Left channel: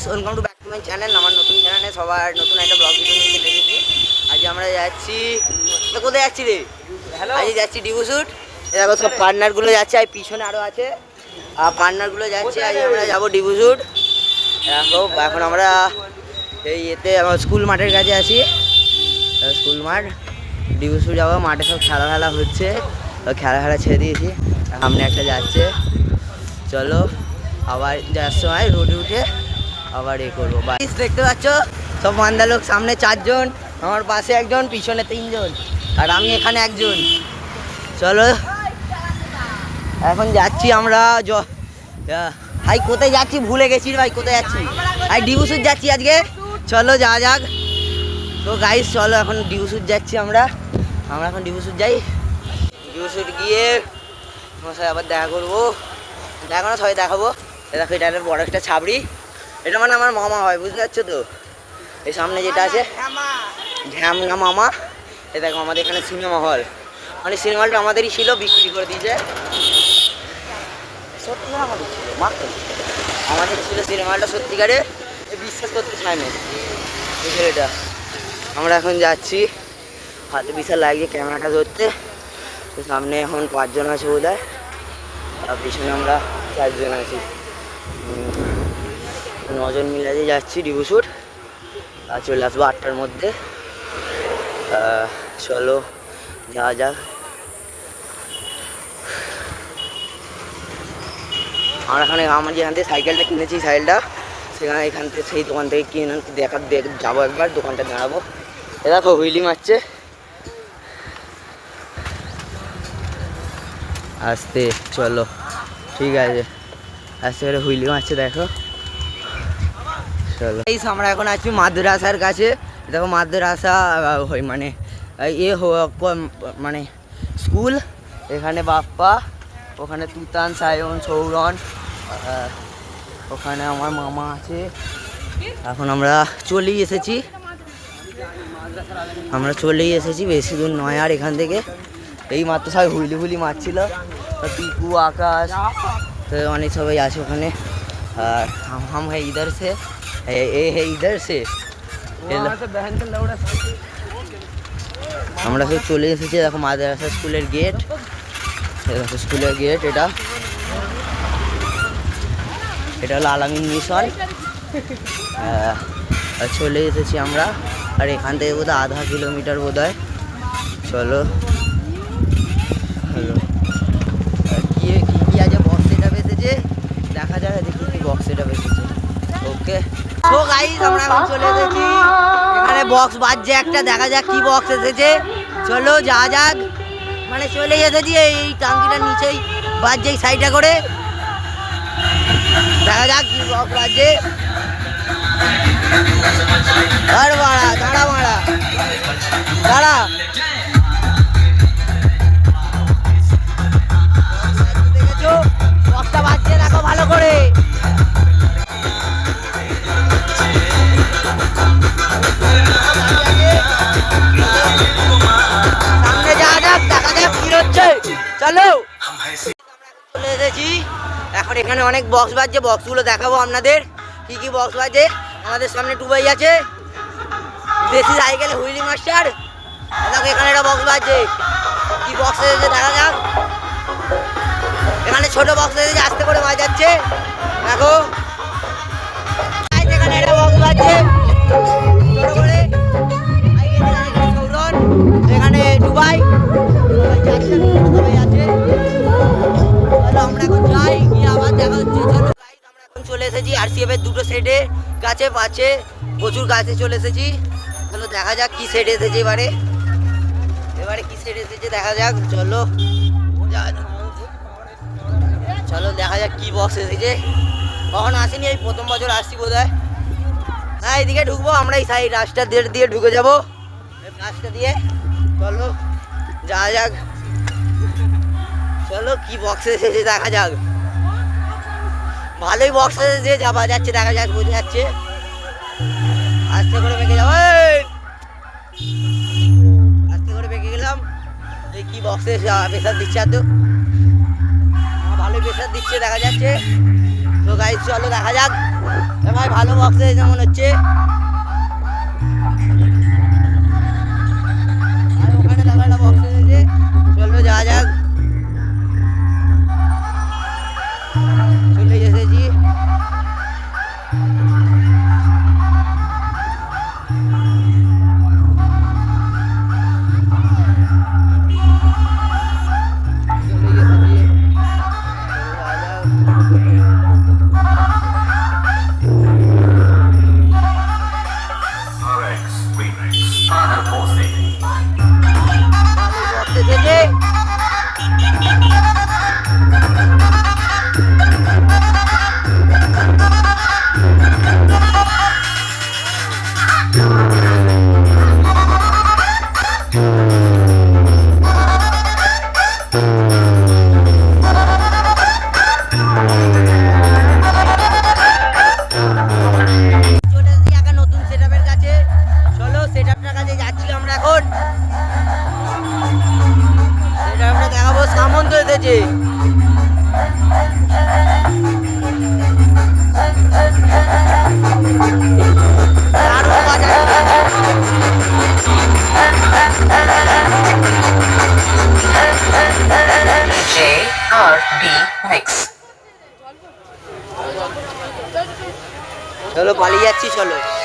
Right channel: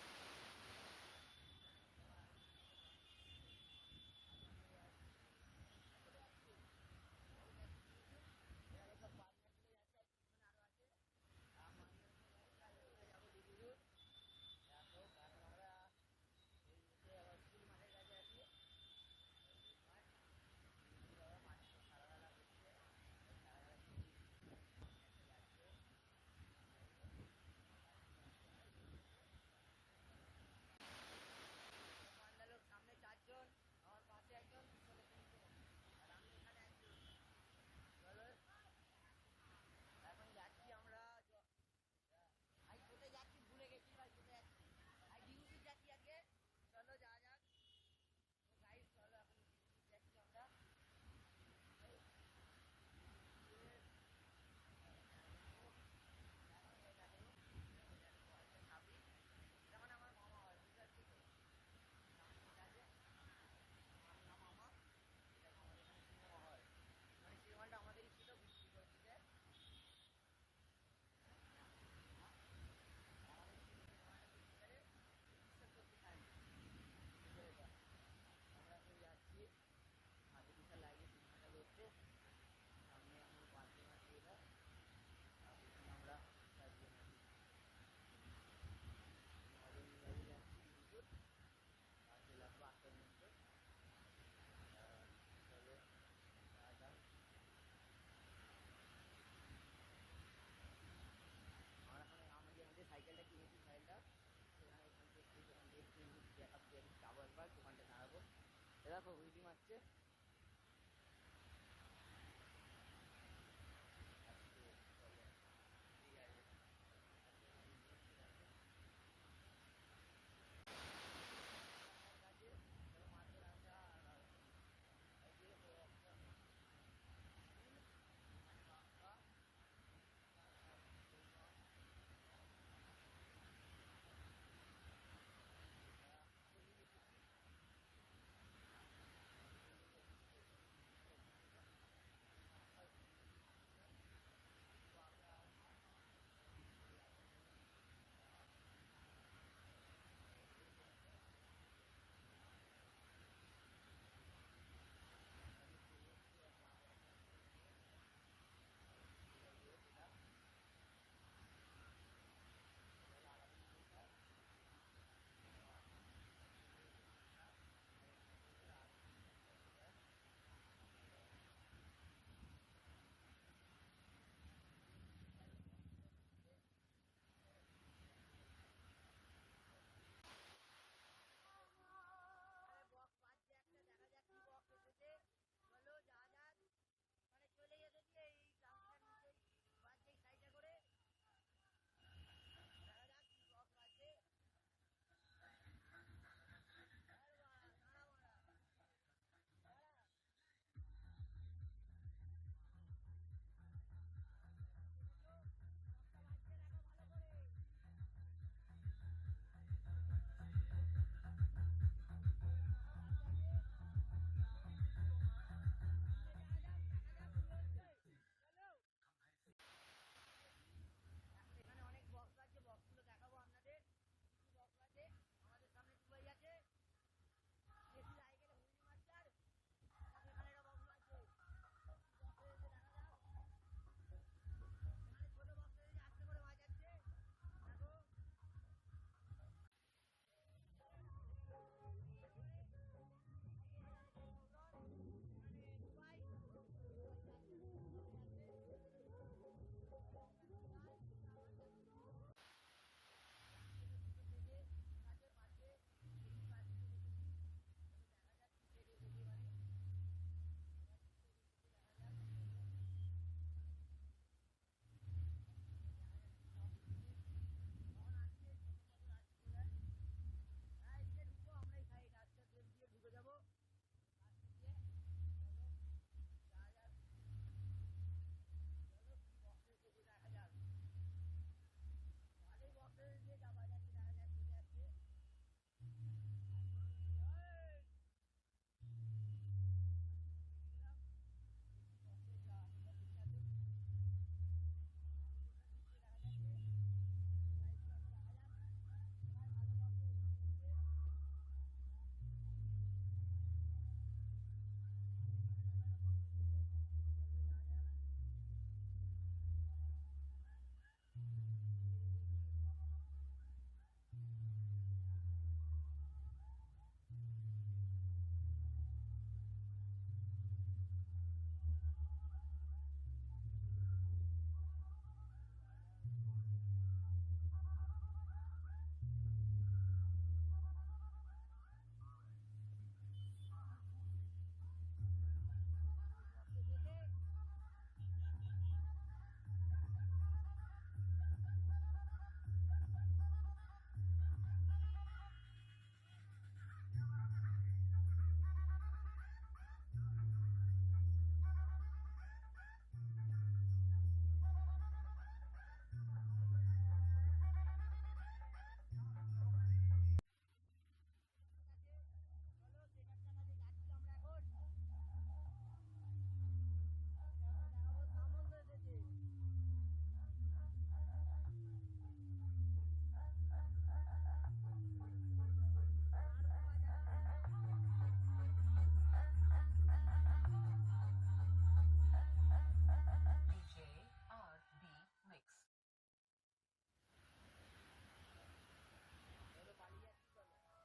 Guys, welcome to back to my channel. আমার নতুন চ্যানেলে সবার নতুন একটা ব্লগ ভিডিও নিয়ে চলে এসেছি। আজ আমরা যাচ্ছি, কোথায় যাচ্ছি রে? আজ যাচ্ছি ডিবু শুট। দেখো সব পার্টনারগুলো যাচ্ছে, আর পিছনে আরও আছে আর পার্টনারগুলো যাচ্ছে। আজ আমরা যাবো ডিবু শুট। দেখো এখন আমরা এই এতে আমার স্কুল মাঠের কাছে আছি। স্কুল মাঠ, ডিবু শুট যাবো। মাঠে সব খেলা হচ্ছে, খেলা ছেড়ে দিয়েছি। সামনে একটা যাচ্ছে, চলো আবার যাওয়ার সময় রোডে উঠে আবার করবো। বাইক দেখতে পাচ্ছ, সব মান্দা লোক। সামনে 4 জন, আমার পাশে একজন, পিছনে 3 জন, আর আমি এখানে একজন। চলো এখন যাচ্ছি আমরা। ভাই কোথায় যাচ্ছি ভুলে গেছি ভাই, কোথায় যাচ্ছি? ভাই ডিবু শুট যাচ্ছি আজকে। চলো যাওয়া যাক। তো গাইস চলো এখন ডিবু শুট যাচ্ছি আমরা এখন ডিবু শুট যাই। ডিবু শুট গিয়ে তোমার সাথে আবার দেখা করবো। দেখো না, সবাই দেখাবো। দেখো এটা একটা বড় একটা ছাবড়ি। এটা মানে আমার মামা হয়, বুঝতে পারছো তো? এই সামনে যেটা আছে ঝ্যামনা মামা। এ দেখো আমাদের এখানে সিনেমা হল, মানে সিনেমা হলটা আমাদেরই ছিল, বিক্রি করে দিয়েছে। সত্যি আমাদের ছিল, আমাদের ছিল সিনেমা হলটা সত্যিকারে, বিশ্বাস করতে চায় না এই ছেলেটা। আমরা এখন যাচ্ছি, হাতে বিশাল লাগছে ক্যামেরাটা ধরতে। তো সামনে এখন 5 জন আছে বোধ হয়, আর পিছনে আমরা 4 জন আছি। 9 জন মিলে যাচ্ছি ডিবু শুট। আর চলে আসবো 8টার মধ্যে। চলো যাওয়া যাক। আমরা এখানে আমার যেখান থেকে সাইকেলটা কিনেছি, সাইকেলটা সেখানে এখান থেকে সেই দোকান থেকে কিনে যাবো একবার, দোকানটা দাঁড়াবো। এ দেখো হুইলি মারছে আস্তে। চলো ঠিক আছে, আস্তে করে হুইলি মারছে দেখো। চলো আমরা এখন আছি মাদ্রাসার কাছে। দেখো মাদ্রাসা মানে মানে স্কুল। এখানে বাপ্পা, ওখানে তুতান, সায়ন, সৌরন, ওখানে আমার মামা আছে। এখন আমরা চলেই এসেছি, বেশি দূর নয় আর এখান থেকে। এই মাত্র সবাই হুইলি মারছিল, পিকু, আকাশ, তো অনেক সবাই আছে ওখানে। আর হাম হ্যাঁ ইধার সে, ইধার সে আমরা সব চলে এসেছি। দেখো মাদ্রাসা স্কুলের গেট, স্কুলের গেট। এটা হলো আলামিন মিশন। চলে এসেছি আমরা, আর এখান থেকে বোধহয় আধা কিলোমিটার বোধ হয়। চলো হ্যালো, কি আছে বক্স সেটা বেঁচেছে, দেখা যাক দেখি কি বক্স সেটা বেঁচেছে। ওকে তো গাইস আমরা এখন চলে এসেছি, এখানে বক্স বাজছে একটা, দেখা যাক কি বক্স এসেছে। চলো যা যাক, মানে চলে এসেছি। এই টাঙ্কিটার নিচেই বাজছে, এই সাইডটা করে, দেখা যাক কি বক্স বাজছে। আর মারা দাঁড়া দেখেছো বক্সটা বাজছে, দেখো ভালো করে। সামনে যাওয়া যাক, দেখা যাক কি হচ্ছে। চলো চলে এসেছি এখন, এখানে অনেক বক্স বাজছে। বক্সগুলো দেখাবো আপনাদের, কি বক্স বাজছে। আমাদের সামনে টুবাই আছে, দেশি সাইকেলে হুইলি মাস্টার। দেখো এখানে একটা বক্স বাজছে, কি বক্স এসেছে দেখা যাক। এখানে ছোট বক্স এসেছে, আস্তে করে বাজাচ্ছে দেখো। এখানে একটা বক্স বাজছে ছোট করে, সৌরন, এখানে টুবাই, সবাই আছে। আমরা এখন যাই, গিয়ে আবার দেখা হচ্ছে। চলো আমরা এখন চলে এসেছি আরসিএফ এর 2টো সেটে গাছে পাচ্ছে, প্রচুর গাছে চলে এসেছি। চলো দেখা যাক কি সেট এসেছে এবারে কি সেট এসেছে দেখা যাক। চলো দেখা যাক কি বক্স এসেছে। কখনো আসেনি, এই প্রথম বছর আসছি বোধ হয়। হ্যাঁ এইদিকে ঢুকবো আমরা, এই সাইড রাস্তা দিয়ে ঢুকে যাবো, রাস্তা দিয়ে। চলো যাওয়া যাক। চলো কি বক্স এসেছে দেখা যাক। ভালোই বক্স এসেছে, যাওয়া যাচ্ছে, দেখা যাক, বোঝা যাচ্ছে। আস্তে করে বেঁকে যাবো, আস্তে করে বেঁকে গেলাম। এই কি বক্সে প্রেসার দিচ্ছে, এত ভালোই প্রেসার দিচ্ছে দেখা যাচ্ছে। তো গাইস চলো দেখা যাক। ভাই ভালো বক্সে যেমন হচ্ছে আর ওখানে দাদা একটা বক্সে এসেছে চলো যাওয়া যাক চলে এসেছি সামন্ত এসেছে চলো পালিয়ে যাচ্ছি চলো